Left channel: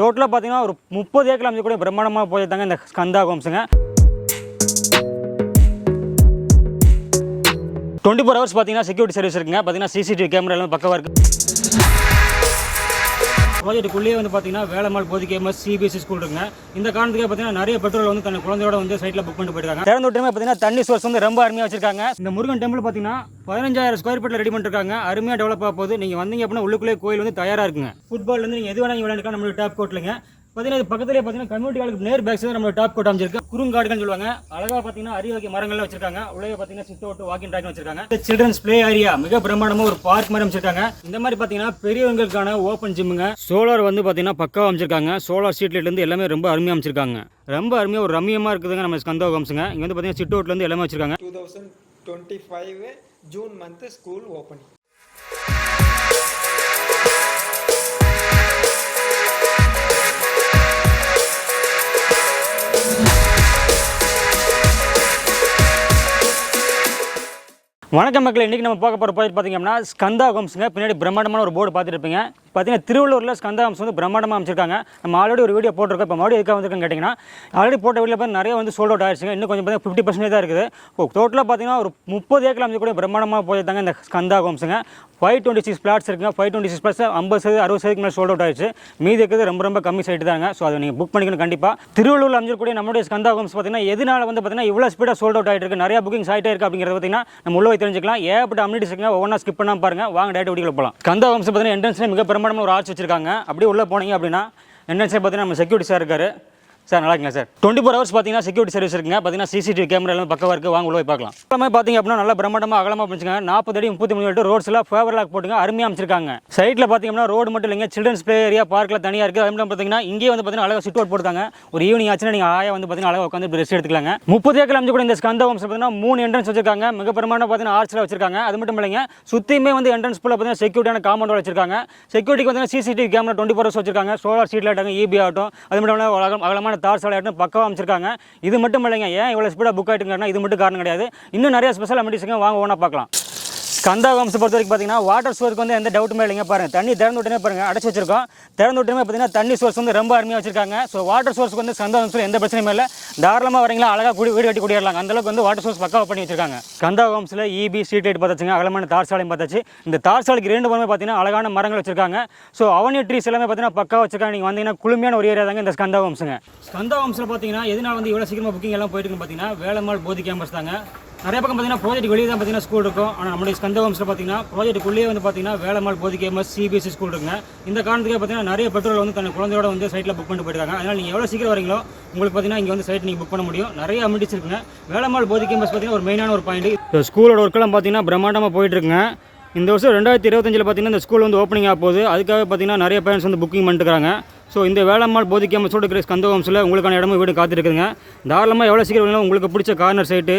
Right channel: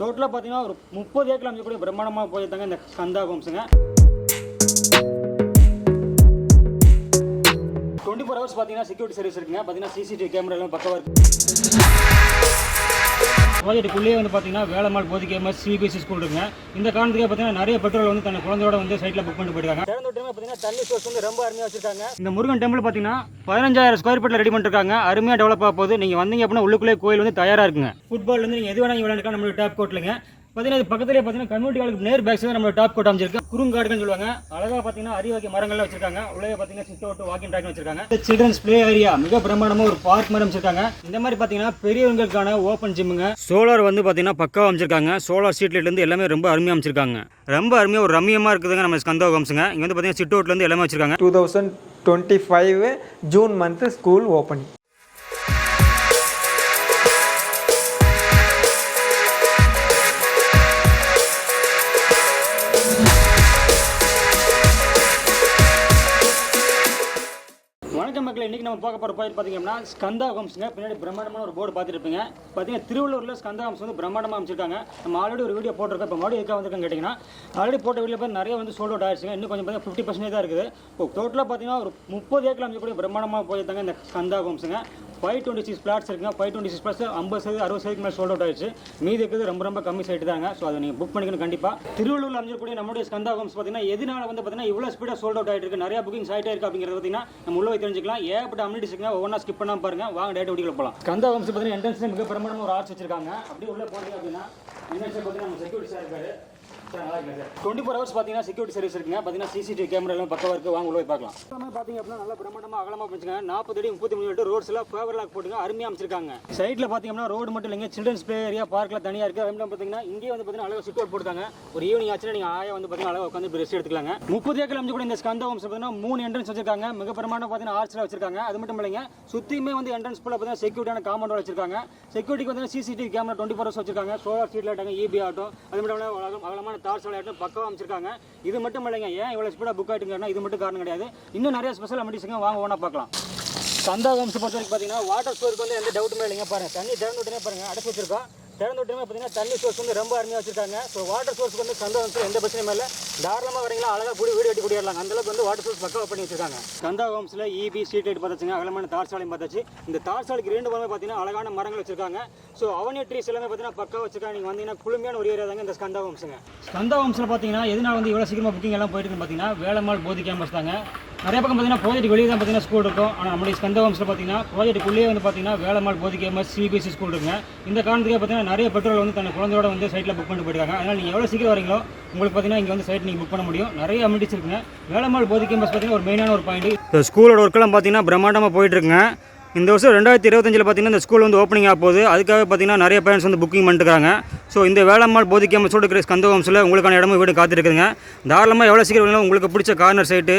டோட்டலாக பார்த்தீங்கன்னா ஒரு 30 ஏக்கர் அமைச்சக்கூடிய பிரம்மாண்டமாக போயிருந்தாங்க இந்த ஸ்கந்தா ஹோம்ஸுங்க. 24 ஹவர்ஸ் பார்த்தீங்கன்னா செக்யூரிட்டி சர்வீஸ் இருக்குங்க. பார்த்தீங்கன்னா சிசிடிவி கேமரா எல்லாம் பக்கமாக இருக்குது. ப்ராஜெக்ட்டுக்குள்ளேயே வந்து பார்த்தீங்கன்னா வேலம்மாள் போதி கேமஸ் சிபிஎஸ்சி ஸ்கூல் இருக்குங்க. இந்த காரணத்துக்கு பார்த்தீங்கன்னா நிறைய பெட்ரோல் வந்து தன் குழந்தையோட வந்து சைட்டில் புக் பண்ணிட்டு போயிருக்காங்க. திறந்து விட்டுமே பார்த்தீங்கன்னா தண்ணி சோர்ஸ் வந்து ரொம்ப அருமையாக வச்சிருக்காங்க. இந்த முருகன் டெம்பிள் பார்த்தீங்கன்னா 15,000 ஸ்கொயர் ஃபீட்டில் ரெடி பண்ணிருக்காங்க. அருமையாக டெவலப் ஆக போகுது. நீங்கள் வந்தீங்க அப்படின்னா உள்ளுக்குள்ளே கோயில் வந்து தயாராக இருக்குங்க. ஃபுட்பால் வந்து நீங்கள் எது வேணா விளையாண்டுக்கலாம். நம்மளுடைய டாப் கோட்லைங்க பார்த்தீங்கன்னா இது பக்கத்துலேயே பார்த்தீங்கன்னா கம்யூனிட்டி ஹாலுக்கு நேர் பேக் சைடு நம்ம டாப் கோட் அமைச்சிருக்கு. குறுங்காடுகள் சொல்லுவாங்க. அழகாக பார்த்தீங்கன்னா அரிவகை மரங்கள்லாம் வச்சிருக்காங்க. உள்ளே பார்த்தீங்கன்னா சிட் அவுட் வாக்கிங் ட்ராக் வச்சிருக்காங்க. சில்ட்ரன்ஸ் பிளே ஏரியா மிக பிரம்மாண்டமாக ஒரு பார்க் மாதிரி அமைச்சிருக்காங்க. இந்த மாதிரி பார்த்தீங்கன்னா பெரியவங்களுக்கான ஓப்பன் ஜிம்முங்க. சோலார் வந்து பார்த்தீங்கன்னா பக்காவாக அமைச்சிருக்காங்க. சோலார் ஸ்ட்ரீட் லைட்லேருந்து எல்லாமே ரொம்ப அருமையாக அமைச்சிருக்காங்க. ரொம்ப அருமையாக ஒரு ரம்மியமாக இருக்குதுங்க நம்ம ஸ்கந்தா ஹோம்ஸுங்க. இங்கே வந்து பார்த்தீங்கன்னா சிட் அவுட்லேருந்து எல்லாமே வச்சிருக்காங்க. 2025 ஜூன் மந்த் ஸ்கூல் ஓப்பனிங். வணக்கம் மக்கள், இன்றைக்கி நம்ம பார்க்க போகிற ப்ராஜெக்ட் பார்த்தீங்கன்னா ஸ்கந்தா ஹோம்ஸுங்க. பின்னாடி பிரம்மாண்டமான ஒரு போர்டு பார்த்துருப்பீங்க. பார்த்தீங்கன்னா திருவள்ளூரில் ஸ்கந்தா ஹோம்ஸ் வந்து பிரம்மாண்டமாக அமைச்சிருக்காங்க. நம்ம ஆல்ரெடி ஒரு வீடியோ போட்டிருக்கோம். இப்போ மறுபடியும் எதுக்காக வந்துருக்குன்னு கேட்டிங்கன்னா ஆல்ரெடி போட்ட வீடியோ பார்த்து நிறைய வந்து சோல்ட் அவுட் ஆயிடுச்சுங்க. இன்னும் கொஞ்சம் பார்த்தீங்கன்னா 50% தான் இருக்குது. டோட்டலாக பார்த்தீங்கன்னா ஒரு 30 ஏக்கர் அமைச்சக்கூடிய பிரம்மாண்டமாக போயிருந்தாங்க இந்த ஸ்கந்தா ஹோம்ஸுங்க. 526 பிளாட்ஸ் இருக்குங்க. 526 பிளாட்ஸ் 50% மேலே சோல்ட் அவுட் ஆயிடுச்சு. மீதி இருக்கிறது ரொம்ப கம்மி சைட்டு தாங்க. ஸோ அதை நீங்கள் புக் பண்ணிக்கணும் கண்டிப்பாக. திருவள்ளூரில் அமைச்சிருக்கூடிய நம்மளுடைய ஸ்கந்தா ஹோம்ஸ் பார்த்தீங்கன்னா எதனால வந்து பார்த்தீங்கன்னா இவ்வளோ ஸ்பீடாக சோல்ட் அவுட் ஆகிட்டு இருக்கு, நிறைய புக்கிங்ஸ் ஆகிட்டே இருக்குது அப்படிங்கிறது பார்த்தீங்கன்னா நம்ம உள்ள தெரிஞ்சுக்கலாம். ஏகப்பட்ட அம்யூனிட்டிஸ் இருக்குங்க. ஒவ்வொன்றா ஸ்கிப் பண்ணாமல் பாருங்கள். வாங்க டேரக்ட் வீடியோவில் போகலாம். ஸ்கந்தா ஹோம்ஸ் பார்த்தீங்கன்னா என்ட்ரன்ஸ்லேயே மிக பிரமாண்டமாக ஒரு ஆர்ச் வச்சிருக்காங்க. அப்படியே உள்ளே போனீங்க அப்படின்னா என்ட்ரன்ஸே பார்த்தீங்கன்னா நம்ம செக்யூரிட்டி சார் இருக்காரு. சார் நல்லா இருக்குங்க சார். 24 ஹவர்ஸ் பார்த்தீங்கன்னா செக்யூரிட்டி சர்வீஸ் இருக்குங்க. பார்த்தீங்கன்னா சிசிடிவி கேமரா எல்லாம் பக்கமாக இருக்குது. வாங்க உள்ள போய் பார்க்கலாம். எல்லாமே பார்த்தீங்க அப்படின்னா நல்லா பிரம்மாண்டமாக அகலமாக பண்ணிச்சுக்காங்க. 40 அடி 33 அடி ரோட்ஸ்லாம் ஃபேவர் லாக் போட்டுங்க அருமையாக அமைச்சிருக்காங்க. சைட்டில் பார்த்தீங்கன்னா ரோடு மட்டும் இல்லைங்க, சில்ட்ரன்ஸ் பிளே ஏரியா பார்க்கில் தனியாக இருக்குது. அது மட்டும் பார்த்தீங்கன்னா இங்கே வந்து பார்த்தீங்கன்னா அழகாக சிட் அவுட் போட்டுருக்காங்க. ஒரு ஈவினிங் ஆச்சுன்னா நீங்கள் ஆயா வந்து பார்த்தீங்கன்னா அழகாக உட்காந்து ரெஸ்ட் எடுத்துக்கலாங்க. 30 ஏக்கர் அமைச்சு கூட இந்த ஸ்கந்தா ஹோம்ஸ் பார்த்தீங்கன்னா 3 என்ட்ரன்ஸ் வச்சிருக்காங்க. மிக பிரமாண்டமாக பார்த்தீங்கன்னா ஆர்ச்சில் வச்சிருக்காங்க. அது மட்டும் இல்லைங்க, சுற்றியுமே வந்து என்ட்ரன்ஸ் ஃபுல்லாக பார்த்தீங்கன்னா செக்யூரிட்டியான காம்பவுண்ட் வச்சிருக்காங்க. செக்யூரிட்டிக்கு பார்த்தீங்கன்னா சிசிடிவி கேமரா 24 ஹவர்ஸ் வச்சிருக்காங்க. சோலார் ஸ்ட்ரீட் லைட் ஆகும், இபி ஆகட்டும், அது மட்டும் இல்லாமல் அகலமான தார் சாலை ஆகட்டும் அமைச்சிருக்காங்க. இது மட்டும் இல்லைங்க, ஏன் இவ்வளவு ஸ்பீடா புக் ஆயிட்டுங்கன்னா இது மட்டும் காரணம் கிடையாது. இன்னும் நிறைய ஸ்பெஷல் அமெனிட்டிஸ்ங்க. வாங்க ஓனா பார்க்கலாம். ஸ்கந்தா ஹோம்ஸ் பொறுத்த வரைக்கும் பார்த்தீங்கன்னா வாட்டர் சோர்ஸ்க்கு வந்து எந்த டவுட்டுமே இல்லைங்க. பாருங்க, தண்ணி திறந்து விட்டுனே பாருங்க அடைச்சு வச்சிருக்கோம். திறந்து விட்டுமே பார்த்தீங்கன்னா தண்ணி சோர்ஸ் வந்து ரொம்ப அருமையாக வச்சிருக்காங்க. ஸோ வாட்டர் சோர்ஸ்க்கு வந்து ஸ்கந்தா ஹோம்ஸில் எந்த பிரச்சனையும் இல்லை. தாராளமாக வரீங்களா அழகாக வீடு வெட்டி குடியேறலாம். அந்தளவுக்கு வந்து வாட்டர் சோர்ஸ் பக்காவாக பண்ணி வச்சிருக்காங்க. ஸ்கந்தா ஹோம்ஸில் இபி ஸ்ட்ரீட் லைட் பார்த்தாச்சுங்க, அகலமான தார் சாலையும் பார்த்தாச்சு. இந்த தார் சாலைக்கு 2 பக்கமே பார்த்தீங்கன்னா அழகான மரங்கள் வச்சிருக்காங்க. ஸோ அவனி ட்ரீஸ் எல்லாமே பார்த்தீங்கன்னா பக்கா வச்சிருக்காங்க. நீங்கள் வந்தீங்கன்னா குளுமையான ஒரு ஏரியா தாங்க இந்த ஸ்கந்தா ஹோம்ஸுங்க. ஸ்கந்தா ஹோம்ஸில் பார்த்தீங்கன்னா எதனால வந்து இவ்வளோ சீக்கிரமாக புக்கிங் எல்லாம் போயிட்டு பார்த்தீங்கன்னா வேலம்மாள் போதி கேம்பஸ் தாங்க. நிறைய பக்கம் பார்த்தீங்கன்னா ப்ராஜெக்ட் வெளியே தான் பார்த்தீங்கன்னா ஸ்கூல் இருக்கும். ஆனால் நம்மளுடைய ஸ்கந்தா ஹோம்ஸில் பார்த்தீங்கன்னா ப்ராஜெக்ட்டுக்குள்ளேயே வந்து பார்த்தீங்கன்னா வேலம்மாள் போதி கேம்பஸ் சிபிஎஸ்சி ஸ்கூல் இருக்குங்க. இந்த காரணத்துக்கு பார்த்தீங்கன்னா நிறைய பெட்ரோல் வந்து தன் குழந்தையோட வந்து சைட்டில் புக் பண்ணிட்டு போயிருக்காங்க. அதனால் நீங்கள் எவ்வளோ சீக்கிரம் வரீங்களோ உங்களுக்கு பார்த்தீங்கன்னா இங்கே வந்து சைட் நீங்கள் புக் பண்ண முடியும். நிறைய அமெனிட்டிஸ் இருக்குங்க. வேலம்மாள் போதி கேம்பஸ் பார்த்தீங்கன்னா ஒரு மெயினான ஒரு பாயிண்ட். இப்போ ஸ்கூலோட ஒர்க்கெல்லாம் பார்த்தீங்கன்னா பிரம்மாண்டமாக போயிட்டு இருக்குங்க. இந்த வருஷம் 2025 பார்த்தீங்கன்னா இந்த ஸ்கூல் வந்து ஓப்பனிங் ஆக போகுது. அதுக்காக பார்த்தீங்கன்னா நிறைய பேரண்ட்ஸ் வந்து புக்கிங் பண்ணிட்டுருக்காங்க. ஸோ இந்த வேலம்மாள் போதி கேம்பஸோட இருக்கிற ஸ்கந்தா ஹோம்ஸில் உங்களுக்கான இடமும் வீடு காத்திருக்குதுங்க. தாராளமாக எவ்வளோ சீக்கிரம் வேணும் உங்களுக்கு பிடிச்ச கார்னர் சைட்டு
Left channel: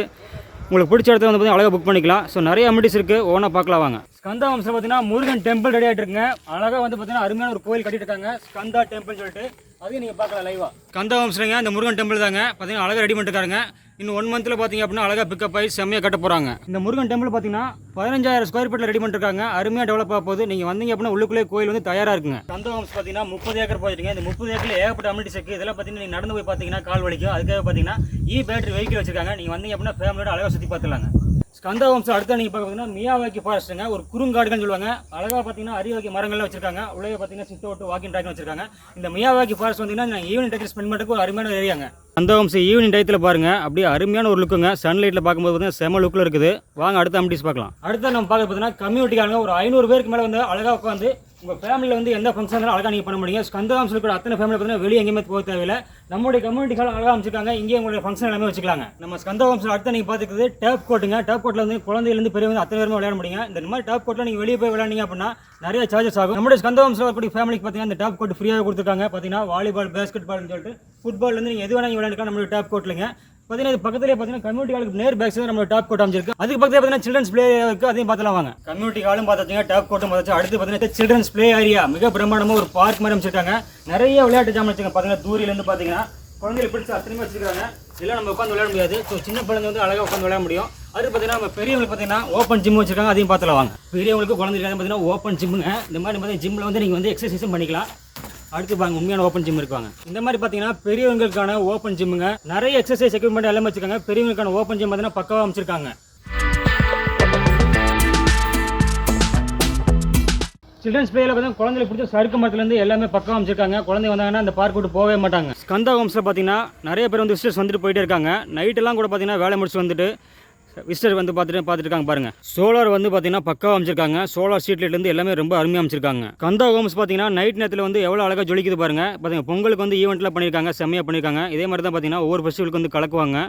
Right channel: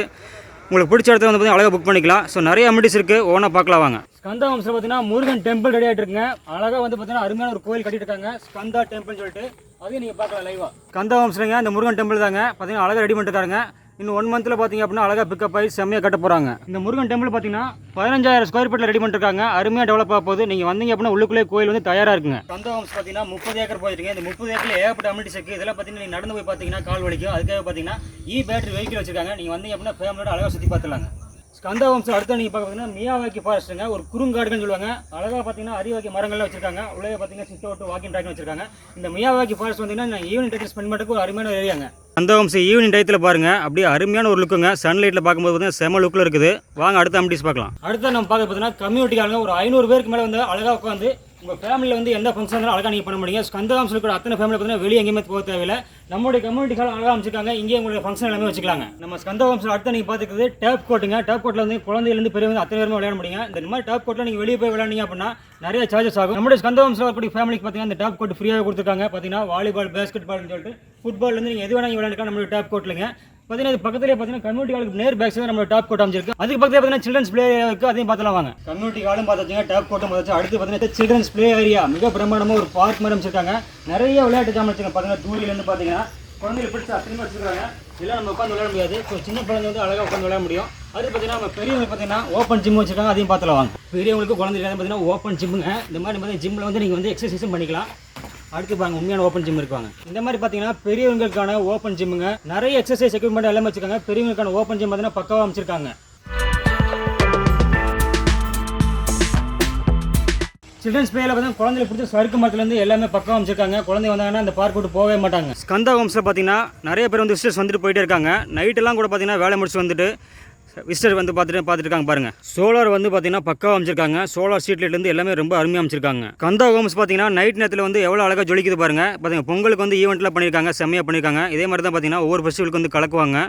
உங்களுக்கு பிடிச்ச இடத்துல வந்து பார்த்தீங்கன்னா அழகாக புக் பண்ணிக்கலாம். ஸோ நிறைய அமெனிட்டிஸ் இருக்குது. ஓனா பார்க்கலாம் வாங்க. ஸ்கந்தா ஹோம்ஸில் பார்த்தீங்கன்னா முருகன் டெம்பிள் ரெடி ஆகிட்டு இருக்குங்க. அழகாக வந்து பார்த்தீங்கன்னா அருமையான ஒரு கோயில் கட்டிட்டு இருக்காங்க, ஸ்கந்தா டெம்பிள் சொல்லிட்டு. அதையும் நீங்கள் பார்க்கலாம் லைவாக. ஸ்கந்தா ஹோம்ஸ்லங்க இந்த முருகன் டெம்பிள் தாங்க பார்த்தீங்கன்னா அழகாக ரெடி பண்ணிட்டுருக்காங்க. இன்னும் 1 மந்த்தில் பார்த்தீங்க அப்படின்னா அழகாக பிக்கப் ஆகி செம்மையாக கட்ட போகிறாங்க. இந்த முருகன் டெம்பிள் பார்த்தீங்கன்னா 15,000 ஸ்கொயர் ஃபீட்டில் ரெடி பண்ணிருக்காங்க. அருமையாக டெவலப் ஆக போகுது. நீங்கள் வந்தீங்க அப்படின்னா உள்ளுக்குள்ளே கோயில் வந்து தயாராக இருக்குங்க. ஸ்கந்தா ஹோம்ஸ் பார்த்தீங்கன்னா 30 ஏக்கர் போயிருக்கீங்க. இந்த 30 ஏக்கரில் ஏகப்பட்ட அமெனிட்டிஸ் இருக்குது. இதெல்லாம் பார்த்தீங்கன்னா நீங்கள் நடந்து போய் பார்த்தீங்கன்னா கால் வலிக்கும். அதுக்காக பார்த்தீங்கன்னா பேட்டரி வெஹிக்கிள் வச்சிருக்காங்க. நீங்கள் வந்தீங்க அப்படின்னா ஃபேமிலியோட அழகாக சுற்றி பார்த்துலாங்க. ஸ்கந்தா ஹோம்ஸ் அடுத்த நீங்கள் பார்த்தீங்கன்னா மியாவாக்கி ஃபாரஸ்ட்டுங்க, ஒரு குறுங்காடுகள் சொல்லுவாங்க. அழகாக பார்த்தீங்கன்னா அரிவகை மரங்கள்லாம் வச்சிருக்காங்க. உள்ளே பார்த்தீங்கன்னா சிட் அவுட் வாக்கிங் ட்ராக் வச்சிருக்காங்க. இந்த மியாவாக்கி ஃபாரஸ்ட் வந்தீங்கன்னா ஈவினிங் டைத்தில் ஸ்பெண்ட் பண்ணுறதுக்கு ஒரு அருமையான ஏரியாங்க. ஸ்கந்தா ஹோம்ஸ் ஈவினிங் டயத்தில் பாருங்கள், அப்படியே அருமையான ஒரு லுக்குங்க. சன்லைட்டில் பார்க்கும்போது பார்த்தீங்கன்னா செம லுக்கில் இருக்குது. வாங்க அடுத்த அமெனிட்டிஸ் பார்க்கலாம். அடுத்த நம்ம பார்க்க பார்த்தீங்கன்னா கம்யூனிட்டிக்காரங்க ஒரு 500 பேருக்கு மேலே வந்து அழகாக உட்காந்து உங்கள் ஃபேமிலியில் வந்து எந்த ஃபங்க்ஷன் இருந்தாலும் அழகாக நீங்கள் பண்ண முடியும். ஸ்கந்தா ஹோம்ஸ் இருக்கிற அத்தனை ஃபேமிலி பார்த்தீங்கன்னா வெளியே எங்கேயுமே போக தேவையில்லை. நம்மளுடைய கம்யூனிட்டிக்காக அழகாக அமைச்சிருக்காங்க. இங்கே உங்களுடைய ஃபங்க்ஷன் எல்லாமே வச்சுக்கலாங்க. நம்ம ஸ்கந்தா ஹோம்ஸில் அடுத்த நீங்கள் பார்த்துக்கிறது டேப் கோட்டுங்க. டேப் கோட்டில் வந்து குழந்தையிலேருந்து பெரிய வந்து அத்தனை பேருமே விளையாட முடியுங்க. இந்த மாதிரி டேப் கோட்டில் நீங்கள் வெளியே போய் விளையாடிங்க அப்படின்னா நிறைய சார்ஜஸ் ஆகும். நம்மளுடைய ஸ்கந்தா ஹோம்ஸில் இருக்கக்கூடிய ஃபேமிலிக்கு பார்த்தீங்கன்னா இந்த டேப் கோட் ஃப்ரீயாக கொடுத்துருக்காங்க. பார்த்தீங்கன்னா வாலிபால், பேஸ்கெட் பால்னு சொல்லிட்டு ஃபுட்பால் வந்து நீங்கள் எது வேணால் விளையாண்டுக்கலாம் நம்மளுடைய டேப் கோட்லைங்க. பார்த்தீங்கன்னா இது பக்கத்துலேயே பார்த்தீங்கன்னா கம்யூனிட்டி ஹாலுக்கு நேர் பேக் சைடு நம்ம டாப் கோட் அமைச்சிருக்கு. அதுக்கு பக்கத்தில் பார்த்தீங்கன்னா சில்ட்ரன்ஸ் பிளே இருக்குது, அதையும் பார்த்துலாம் வாங்க. கம்யூனிட்டி ஹாலும் பார்த்தாச்சுங்க, டாப் கோட்டும் பார்த்தாச்சு. அடுத்து பார்த்தீங்கன்னா சில்ட்ரன்ஸ் பிளே ஏரியா மிக பிரம்மாண்டமாக ஒரு பார்க் மாதிரி அமைச்சிருக்காங்க. நிறைய விளையாட்டு ஜாமான் வச்சுருக்காங்க. பார்த்தீங்கன்னா தூரிலேருந்து பார்த்தீங்கன்னா குழந்தைகள் பிடிச்சி அத்தனை வச்சுருக்காங்க. இதெல்லாம் நம்ம உட்காந்து விளையாட முடியாது. ஸோ சின்ன குழந்தை வந்து அழகாக உட்காந்து விளையாட முடியும். அது பார்த்தீங்கன்னா நம்ம பெரியவங்களுக்கு பார்த்தீங்கன்னா ஓப்பன் ஜிம் வச்சுருக்காங்க, அதையும் பார்த்துலாம் வாங்க. பெரியவங்களுக்கு குழந்தைகளுக்கு பார்த்தீங்கன்னா ஓப்பன் ஜிம்முங்க. இந்த மாதிரி பார்த்தீங்கன்னா ஜிம்மில் வந்து நீங்கள் வந்து எக்ஸசைஸும் பண்ணிக்கலாம். அடுத்து பாருங்க உண்மையான ஓப்பன் ஜிம் இருக்காங்க. இந்த மாதிரி பார்த்தீங்கன்னா பெரியவங்களுக்கான ஓப்பன் ஜிம்முங்க, நிறைய எக்ஸசைஸ் எக்யூப்மெண்ட் எல்லாமே வச்சிருக்காங்க. பெரியவங்களுக்கான ஓப்பன் ஜிம் பார்த்தீங்கன்னா பக்காவாக அமைச்சிருக்காங்க. சில்ட்ரன்ஸ் பிளேயில் பார்த்தீங்கன்னா குழந்தைகளுக்கு பிடிச்ச சறுக்கு மரத்துலேருந்து எல்லாமே பக்கம் அமைச்சிருக்காங்க. குழந்தை வந்தாங்கன்னா அந்த பார்க் விட்டு போகவே மாட்டாங்க. ஸ்கந்தா ஹோம்ஸில் பார்த்தீங்கன்னா நிறைய பேர் வந்து விசிட்டர்ஸ் வந்துட்டு போயிட்டே இருக்காங்க. நைட்டெல்லாம் கூட பார்த்தீங்கன்னா வேலை முடிச்சு வந்துட்டு விசிட்டர் வந்து பார்த்துட்டு இருக்காங்க பாருங்க. சோலார் வந்து பார்த்தீங்கன்னா பக்காவாக அமைச்சிருக்காங்க. சோலார் ஸ்ட்ரீட் லைட்லேருந்து எல்லாமே ரொம்ப அருமையாக அமைச்சிருக்காங்க. ஸ்கந்தா ஹோம்ஸ் பார்த்தீங்கன்னா நைட் நேரத்தில் வந்து எவ்வளோ அழகாக ஜொலிக்குது பாருங்க. பார்த்தீங்கன்னா பொங்கலுக்கு வந்து ஈவெண்ட்லாம் பண்ணியிருக்காங்க, செம்மையாக பண்ணியிருக்காங்க. இதே மாதிரி தான் பார்த்தீங்கன்னா ஒவ்வொரு ஃபெஸ்டிவலுக்கு வந்து கலக்குவாங்க.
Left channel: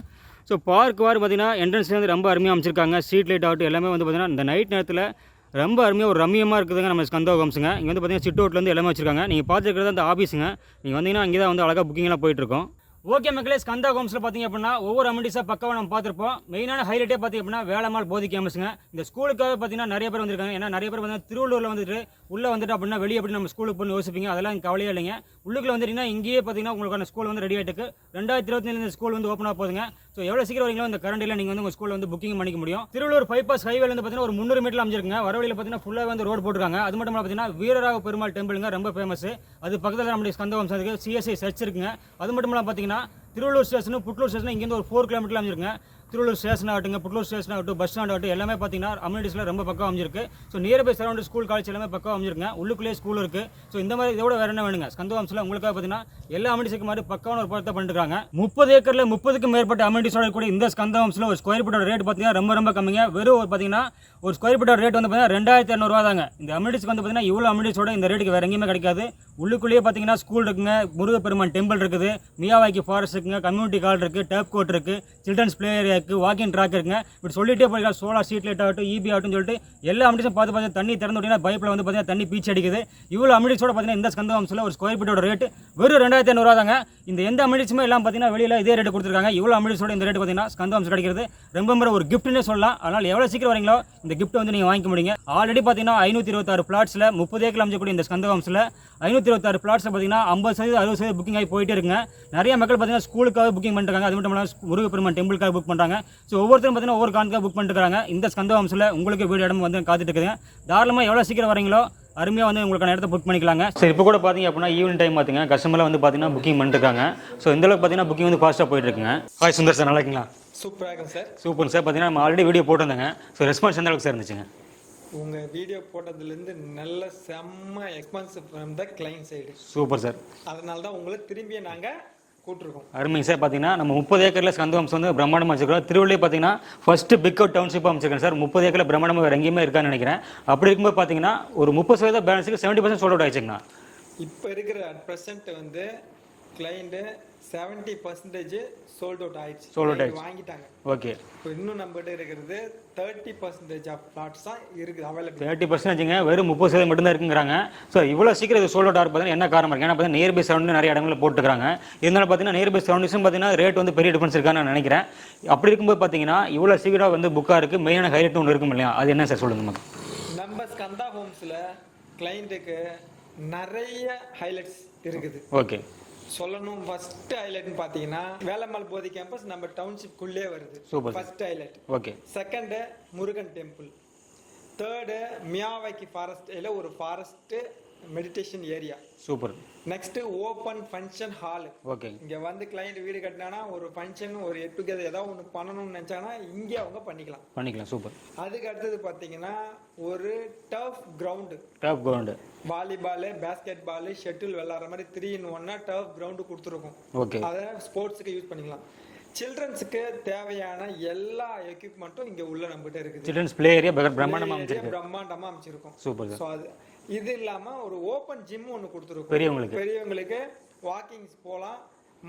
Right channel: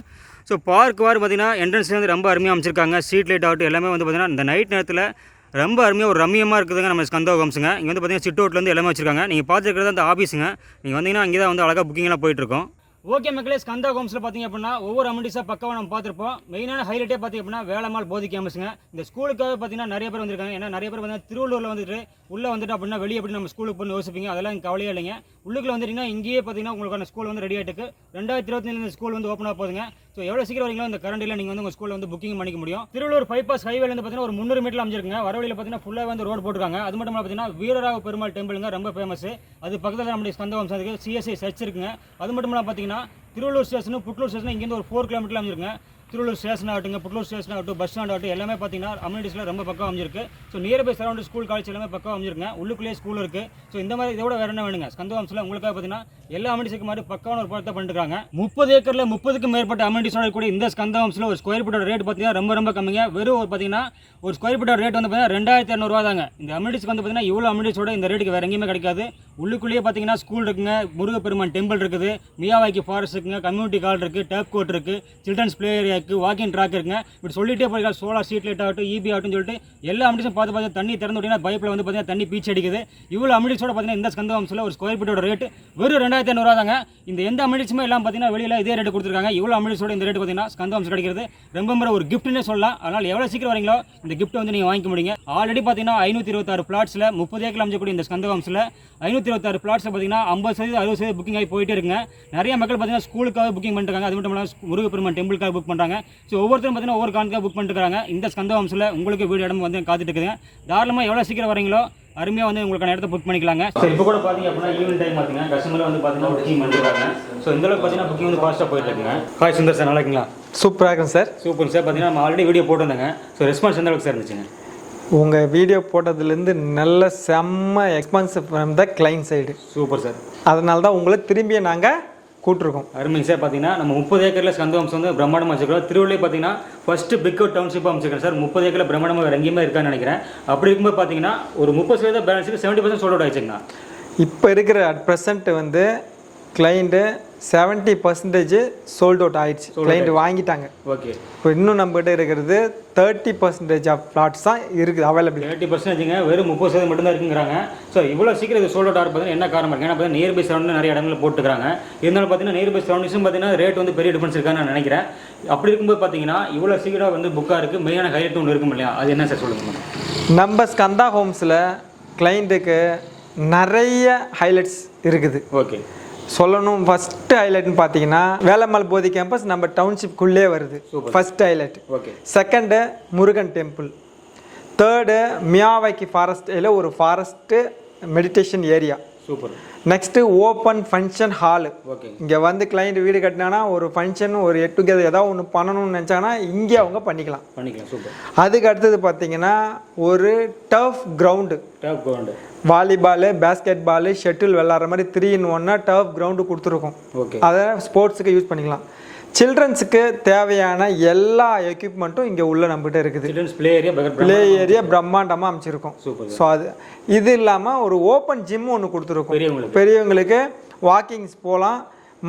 ஸோ பார்க் பார்த்தீங்கன்னா என்ட்ரன்ஸ்லேருந்து ரொம்ப அருமையாக அமைச்சிருக்காங்க. ஸ்ட்ரீட் லைட் ஆகட்டும் எல்லாமே வந்து பார்த்தீங்கன்னா இந்த நைட் நேரத்தில் ரொம்ப அருமையாக ஒரு ரம்மியமாக இருக்குதுங்க நம்ம ஸ்கந்தா ஹோம்ஸுங்க. இங்கே வந்து பார்த்தீங்கன்னா சிட் அவுட்லேருந்து எல்லாமே வச்சிருக்காங்க. நீங்கள் பார்த்துருக்கிறது அந்த ஆஃபீஸுங்க. நீங்கள் வந்தீங்கன்னா அங்கே தான் வந்து அழகாக புக்கிங்லாம் போயிட்டுருக்கோம். ஓகே மக்களே, ஸ்கந்தா ஹோம்ஸில் பார்த்தீங்க அப்படின்னா ஒவ்வொரு அமெண்டிஸாக பக்காவாக நம்ம பார்த்துருப்போம். மெயினான ஹைலைட்டே பார்த்தீங்க அப்படின்னா வேலம்மாள் போதி கேம்பஸுங்க. இந்த ஸ்கூலுக்காக பார்த்தீங்கன்னா நிறைய பேர் வந்திருக்காங்க. ஏன்னா நிறைய பேர் வந்து திருவள்ளூரில் வந்துட்டு உள்ளே வந்துட்டு அப்படின்னா வெளியே எப்படி நம்ம ஸ்கூலுக்கு போய் யோசிப்பீங்க, அதெல்லாம் கவலையே இல்லைங்க. உள்ளுக்குள்ள வந்துட்டீங்கன்னா இங்கேயே பார்த்தீங்கன்னா உங்களுக்கான ஸ்கூல் வந்து ரெடி ஆகிட்டு 2024 இந்த ஸ்கூல் வந்து ஓப்பன் ஆக போகுதுங்க. ஸோ எவ்வளோ சீக்கிரம் வரீங்களோ இந்த கரண்டில் நீங்கள் வந்து உங்கள் ஸ்கூலில் வந்து புக்கிங் பண்ணிக்க முடியும். திருவள்ளூர் பைபாஸ் ஹைவேல வந்து பார்த்தீங்கன்னா ஒரு 300 மீட்டர் அமைஞ்சிருக்குங்க. வரவழியில் பார்த்தீங்கன்னா ஃபுல்லாக வந்து ரோடு போட்டுருக்காங்க. அது மட்டும் பார்த்தீங்கன்னா வீரராக பெருமாள் டெம்பிளுங்க ரொம்ப ஃபேமஸ். அது பக்கத்தில் நம்முடைய ஸ்கந்தா ஹோம்ஸ் இருக்குது. சிஎஸ்ஐ சர்ச் இருக்குங்க. அது மட்டும் இல்லாமல் பார்த்தீங்கன்னா திருவள்ளூர் ஸ்டேஷன் புட்லூர் ஸ்டேஷன் இங்கேருந்து ஒரு 4 கிலோமீட்டர் அமைஞ்சிருக்குங்க. திருவள்ளூர் ஸ்டேஷன் ஆகட்டும், புட்லூர் ஸ்டேஷன் ஆகட்டும், பஸ் ஸ்டாண்ட் ஆகட்டும் எல்லாமே பார்த்தீங்கன்னா அம்யூனிட்டிஸில் ரொம்ப பக்கம் அமைஞ்சிருக்கு. So nearby surround school college எல்லாமே பக்கம் அமைஞ்சிருக்குங்க. உள்ளுக்குள்ளேயே ஸ்கூல் இருக்குது. ஸோ இந்த மாதிரி இதோட வேறு என்ன வேணுங்க ஸ்கந்தா ஹோம்ஸில் உங்களுக்காக பார்த்தீங்கன்னா எல்லா அம்யூனிட்டிஸுக்கு மாதிரி பக்கான ஒரு படத்தை பண்ணிருக்காங்க. 30 ஏக்கரில் 30க்கும் மேற்பட்ட அம்யூனிட்டிஸோட கூட இந்த ஸ்கந்தா ஹோம்ஸில் ஒரு ஸ்கொயர் ஃபீட்டோட ரேட் பார்த்தீங்கன்னா ரொம்ப கம்மிங்க. வெறும் பார்த்தீங்கன்னா ஒரு ஸ்கொயர் ஃபீட்டோட ரேட் வந்து பார்த்தீங்கன்னா 2200 தாங்க. இந்த அம்யூனிட்டிஸ்க்கு வந்து பார்த்தீங்கன்னா இவ்வளோ அம்யூனிட்டிஸோட இந்த ரேட்டுக்கு வேறு எங்கேயுமே கிடைக்காது. உள்ளுக்குள்ளேயே பார்த்தீங்கன்னா ஸ்கூல் இருக்குங்க, முருகப்பெருமான் டெம்பிள் இருக்குது, மியாவாக்கி ஃபாரஸ்ட் இருக்குங்க, கம்யூனிட்டி ஹால் இருக்குது, டேப் கோர்ட் இருக்குது, சில்ட்ரன்ஸ் பிளே ஏரியா இருக்குது, வாக்கிங் ட்ராக் இருக்குங்க. இப்படி சொல்லிட்டே போயிருக்கா. சோலார் ஸ்ட்ரீட் லைட் ஆகட்டும், இபி ஆகட்டும் சொல்லிட்டு எல்லா அம்யூனிட்டிஸும் பார்த்து தண்ணி திறந்து விட்டீங்கன்னா பைப்பில் வந்து பார்த்தீங்கன்னா தண்ணி பீச்சு அடிக்குது. இவ்வளோ அம்யூனிட்டிஸோட பார்த்தீங்கன்னா இந்த ஸ்கந்தா ஹோம்ஸில் ஒரு ஸ்கொயர் ஃபீட்டோட ரேட் வெறும் 2500 தாங்க. இந்த எந்த அம்யூனிட்டிஸுமே எல்லாம் பார்த்தீங்கன்னா வெளியில் இதே ரேட்டு கொடுத்துருக்காங்க. இவ்வளோ அம்யூனிட்டிஸோட இந்த ரேட்டு பார்த்தீங்கன்னா ஸ்கந்தா ஹோம்ஸ் கிடைக்கிறது ரொம்ப ஒரு கிஃப்ட்னே சொல்லலாம். அதனால் எவ்வளோ சீக்கிரம் வரீங்களோ இந்த கிஃப்ட் வந்து நீங்கள் வாங்கிக்க முடியுங்க. ஆல்ரெடி பார்த்தீங்கன்னா 526 பிளாட்ஸில் 30 ஏக்கர் அமைச்சக்கூடிய இந்த ஸ்கந்தா ஹோம்ஸில் 526 பிளாட்ஸில் பார்த்தீங்கன்னா 50% 60% புக்கிங் ஆகி போயிட்டே இருக்குங்க. நிறைய மக்கள் பார்த்தீங்கன்னா ஸ்கூலுக்காக புக்கிங் பண்ணிருக்காங்க. அது மட்டும் இல்லாமல் முருகப்பெருமான் டெம்பிளுக்காக புக் பண்ணுறாங்க. ஸோ ஒவ்வொருத்தரும் பார்த்தீங்கன்னா ஒவ்வொரு காரணத்துக்காக புக் பண்ணிருக்காங்க. இந்த ஸ்கந்தா ஹோம்ஸில் உங்களுக்கு வீடு இடம் வந்து காத்துட்டு இருக்குதுங்க. தாராளமாக எவ்வளோ சீக்கிரம் வரீங்களோ அருமையாக வந்து உங்களுக்கான இடத்த புக் பண்ணிக்கலாங்க. ஸோ இப்போ கூட பார்த்தீங்க அப்படின்னா ஈவினிங் டைம் பார்த்திங்க கஸ்டமரில் வந்து பார்த்தீங்கன்னா புக்கிங் பண்ணிருக்காங்க. ஸோ இந்த அளவுக்கு பார்த்தீங்கன்னா புக்கிங் வந்து ஃபாஸ்ட்டாக போயிட்டு இருக்குங்க. ஹாய் சுந்தர் சார், நல்லா இருக்கீங்களா? சூப்பராக இருக்கும் சார். Super sir. பார்த்தீங்கன்னா நம்ம ஆல்ரெடி வீடியோ போட்டிருந்தாங்க. ஸோ ரெஸ்பான்ஸ் எந்த அளவுக்கு சார் இருந்துச்சுங்க? உங்கள் வீடியோ போட்டதுலேருந்து நல்ல செம்ம expansive from the client side. Super sir. அதனால தான் உங்களை திரும்பிய நாங்கள் கூட்டிருக்கோம். அருமைங்க சார். பார்த்தீங்கன்னா நம்ம 30 ஏக்கரில் ஸ்கந்தா ஹோம்ஸ் வந்து பிரம்மாண்டமாக வச்சிருக்கோம். திருவள்ளூர் பார்த்தீங்கன்னா ஃபஸ்ட்டு பிக் அவுட் டவுன்ஷிப்பாக அமைச்சிருக்கேன் சார். 30 ஏக்கரில் பிரம்மாண்டமாக வேறு எங்கேயுமே இருக்கான்னு நினைக்கிறேன். அப்படி இருக்கும்போது பார்த்தீங்கன்னா ஒரு 30% பேலன்ஸுக்கு 70% சோல்ட் அவுட் ஆயிடுச்சுங்கண்ணா. இப்போ இருக்கிற அட் ப்ரெசென்ட் வந்து கிளைண்ட்டு 70% சோல்ட் அவுட் ஆயிடுச்சு. கிளைண்ட் வாங்கிட்டாங்க. ஓகே. இப்போ இன்னும் நம்மகிட்ட இருக்கிறது 30% ஆஃப் பிளாட்ஸ் தான் இருக்குது அவைலபிள். 30%ங்க வெறும் 30% மட்டும் தான் இருக்குங்கிறாங்க. ஸோ இவ்வளோ சீக்கிரம் இது சோல்ட் அவுட் ஆகிறது பார்த்தீங்கன்னா என்ன காரணம் இருக்குது? ஏன்னா பார்த்தீங்கன்னா நியர்பை சரௌண்டிங் நிறைய இடங்களில் போட்டுக்கிறாங்க. இருந்தாலும் பார்த்தீங்கன்னா நியர்பை சரௌண்டிங்ஸும் பார்த்தீங்கன்னா ரேட் வந்து பெரிய டிஃபரன்ஸ் இருக்கான்னு நான் நினைக்கிறேன். அப்படி இருக்கும்போது பார்த்தீங்கன்னா இவ்வளோ சீக்கிரம் வந்து புக்காக இருக்குது. மெயினான ஹைலைட் ஒன்று இருக்கும் இல்லையா, அது என்ன சார் சொல்லுங்கள்? நம்ம ஸ்கந்தா ஹோம்ஸில் கிளைண்ட்டுக்கு நிறைய ஹைலைட்ஸ் இருக்குது. ஓகே. சொல்லணும். ஃபர்ஸ்ட் ஹைலைட்னு பார்த்தீங்கன்னா வேலம்மாள் போதி கேம்பஸ் நம்ம டவுன்ஷிப்குள்ளே வருது. First highlight. Okay. Second Murugan temple. Third Miyawaki ஃபாரஸ்ட்டில் ஒரு forest meditation area. Super. Next open function hall. Okay. இங்கே வந்து கிளைண்ட் வீடு கட்டினாங்கன்னா ஒரு ஃபங்க்ஷன் ஒரு எட் டுகெதர் ஏதாவது ஒன்று பண்ணணும்னு நினச்சாங்கன்னா இங்கே அவங்க பண்ணிக்கலாம். சூப்பர். அதுக்கு அடுத்தது பார்த்தீங்கன்னா ஒரு turf ground. Volleyball, basketball, shuttle விளாட்ற மாதிரி 3-in-1 டர்ஃப் கிரவுண்டு கொடுத்துருக்கோம். ஓகே. அதை ஸ்போர்ட்ஸுக்கு யூஸ் பண்ணிக்கலாம். சில்ட்ரன்ஸுக்கு தேவையான எல்லா எக்யூப்மெண்ட்டும் இங்கே உள்ள நம்மகிட்ட இருக்குது. பிளே ஏரியா பிரம்மாண்டமாக அமைச்சிருக்கோம். ஸோ அது இது இல்லாமல் ஒரு ஓப்பன் ஜிம் ஒன்று கொடுத்துருக்கோம். பெரியவங்களுக்கு வாக்கிங்ஸ் போகலாம்.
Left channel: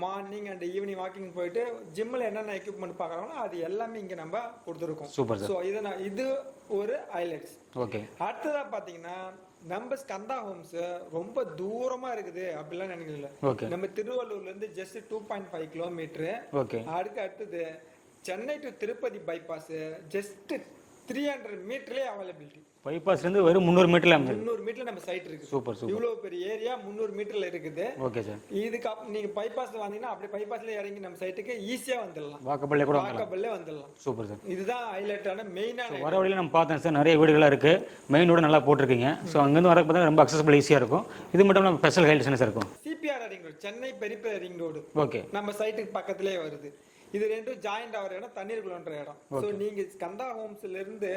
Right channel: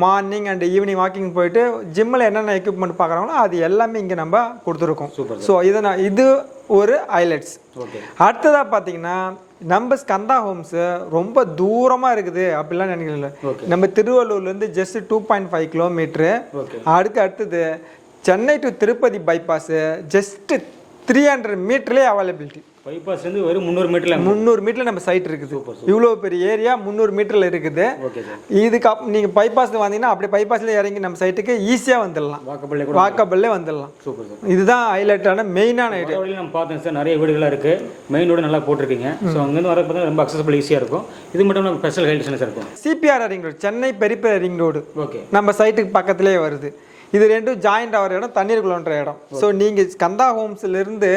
மார்னிங் அண்ட் ஈவினிங் வாக்கிங் போயிட்டு ஜிம்மில் என்னென்ன எக்யூப்மெண்ட் பார்க்குறாங்களோ அது எல்லாமே இங்கே நம்ம கொடுத்துருக்கோம். ஸோ இது ஒரு ஹைலைட்ஸ். அடுத்ததாக பார்த்தீங்கன்னா நம்ம ஸ்கந்தா ஹோம்ஸு ரொம்ப தூரமாக இருக்குது அப்படிலாம் நினைக்கல. நம்ம திருவள்ளூர்லேருந்து ஜஸ்ட் 2.5 கிலோமீட்ரு. அடுத்தது Chennai to Tirupati bypass just 300 மீட்டர்லேயே அவைலபிலிட்டி. பைபாஸ்லேருந்து வெறும் 300 மீட்டரில் 300 மீட்டரில் நம்ம சைட் இருக்குது. இவ்வளோ பெரிய ஏரியா 300 மீட்டரில் இருக்குது. Okay sir. இதுக்கு நீங்கள் பைபாஸில் வந்தீங்கன்னா அப்படியே பைபாஸில் இறங்கி நம்ம சைட்டுக்கு ஈஸியாக வந்துடலாம், வாக்கபிள்லே வந்துடலாம். Super sir. இதுதான் ஹைலைட்டான மெயினான ஐடியா. நம்ம பார்த்தோம் சார், நிறைய வீடுகளாக இருக்குது, மெயின் ரோடு நல்லா போட்டிருக்கீங்க. ஸோ அங்கேருந்து வர பார்த்தா ரொம்ப அக்சஸபிள் ஈஸியாக இருக்கும். இது மட்டும் நம்ம ஸ்பெஷல் ஹைலைட்ஸ் சார் இருக்கும். CPR ring road, Chennai peripheral ring road okay நம்ம சைட்டுக்கு பக்கத்துலேயே வருது. இது ரெண்டும் ஜாயிண்ட் ஆகிற இடம், தண்ணீருக்குள்ளன்ற இடம். ஸோ நீங்கள் ஸ்கந்தா ஹோம்ஸ்லேருந்து